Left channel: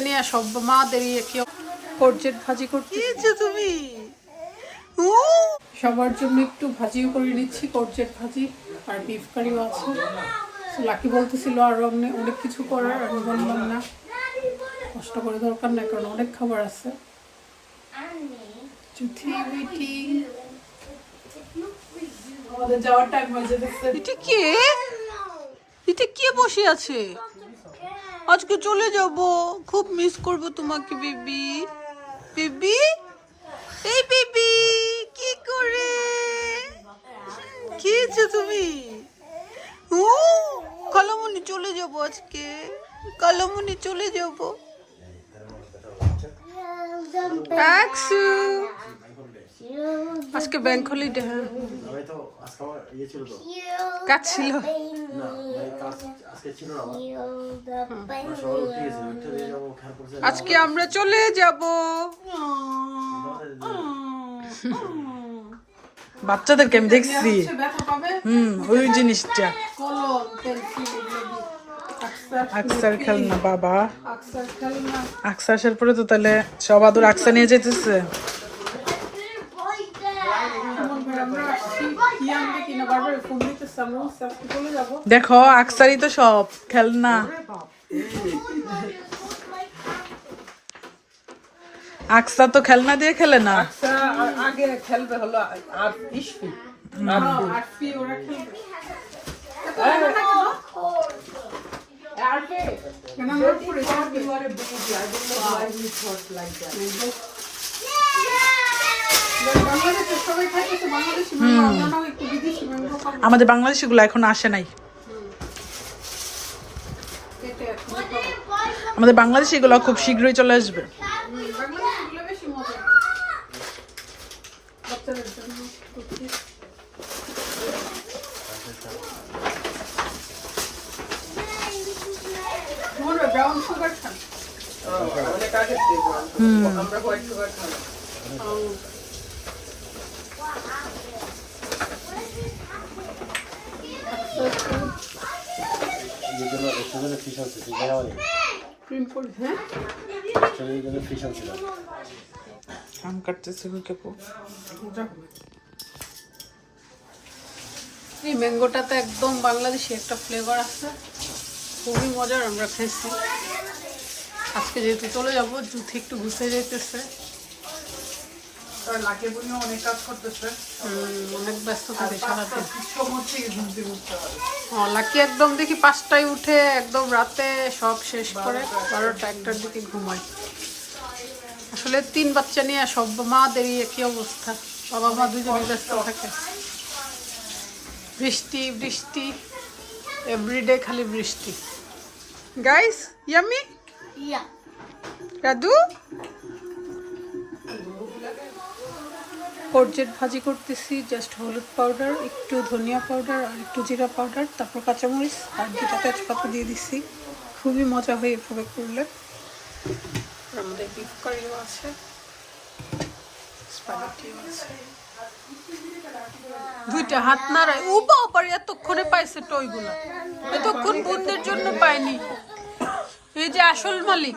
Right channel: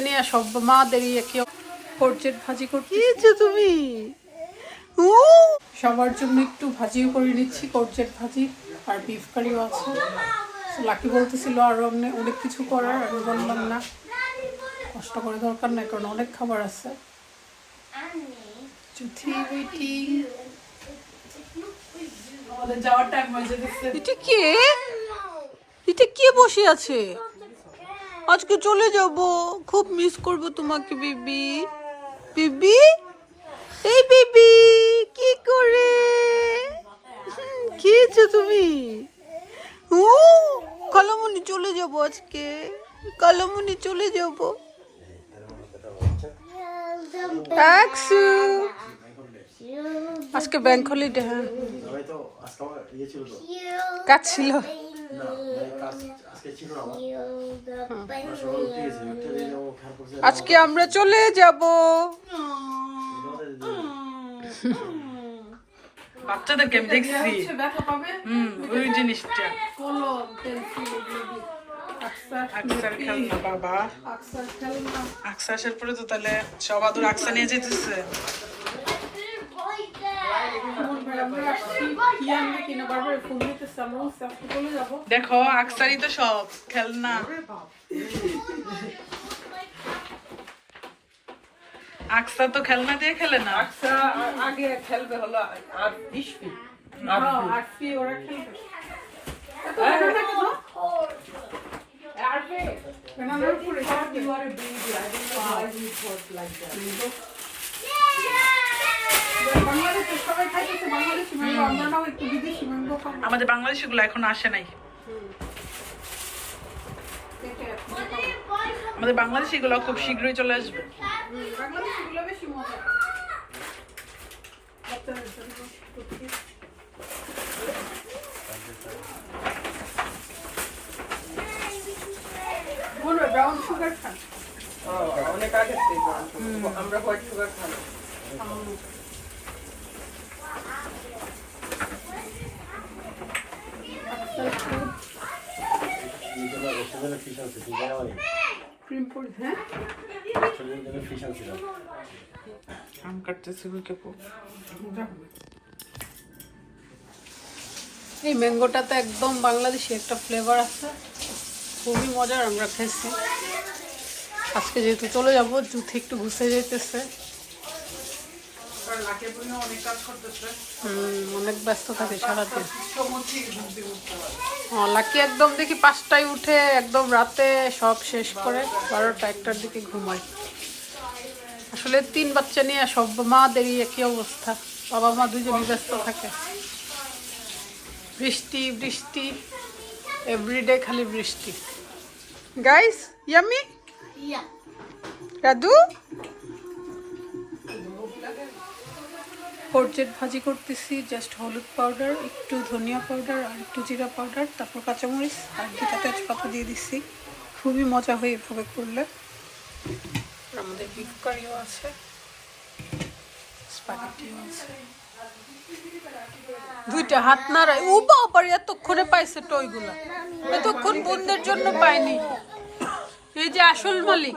নিয়ে সব করজেট ভাজি করতে তুমি? সবার জন্য একটু ভাজিও করে নিচ্ছি করজেট ভাজি আর বিফ কারিও আছে। লাকি বলতেছিল আর অনেক অনেক কিছু করার আমি বললাম না। কষ্ট করে দরকার নাই কারণ অনেক খাবার আছে। এটা কে? এটা কে বসে আছে? আজকে চলে যাব। খুব মিস করব তোমাকে, বিবি। বিবি? এই বিবি, কি করে? কি হয়েছে তুমি? ও কালামুনি চলে যাব আজকে। কালামুনি চলে যাব। আজকে ব্যাংক হলিডে হ্যাঁ। কাজ ছিল। আজকে আমার চলে যাব। বাচ্চাদেরকে আমি দেখছি। হুম ওই জিনিসটা। আকসার খেলনা বাবা। আকসার পরে তো তাহলে সব আদর আকসা নিয়ে যেতেছে দেখো আকসারই তো সব খেলনা। আকসা তো খেলনা দিয়ে খেলে না? আগে খেলবে হলো আর আমরাও একটু বিদেশি ম্যাঙ্গো খাব আমাদের বাংলাদেশি গুলো এখন আসে নাই। আমাদের বাংলাদেশি গুলো খুব শীঘ্রই চলে আসবে। বাংলাদেশিগুলো আগে আমরা হোয়াইট সুগার আম কাটতেছে কাপু এই একদম বাংলাদেশি একটা ফ্লেভার আছে। খুবই মজার আমরা খেয়েছি আজকে যেহেতু চলে যাব, জুথি একটু ঘুষে যেতেছে অনেক কাজ করতেছে। হুম, অনেক ব্যস্ত থাকে সারাদিন। লাকি একদম দেখি পাঁচটায় উঠে একদম রাতে সব শেষ করে বারোটা একটার দিকে ঘুমায়। আসলে তিন বাচ্চা নিয়ে সব মাদেরই একই অবস্থা। বাবা মা দুজনেই ব্যস্ত থাকে। বৃষ্টি বৃষ্টি এভরিডে খালি বৃষ্টি। Guys yummy রাদু? করজেট ভাজি করতেছি জাস্ট হলুদ পাউডার একটু ধনিয়া পাউডার আর একটু জিরা পাউডার তারপর কাঁচামরিচ আর দুটা তেজপাতা দিয়ে দিচ্ছি খুবই মজা হয় এভাবে করলে। আমাদের বিফ কারিও আছে স্পাগেটিও আছে। দুইটা হাত নাড়ায়, ও বাবার এতক্ষণে পাইছে টইগুলা। এতক্ষণ বোনদের জন্য পায়নি এই যে আসল মালিক।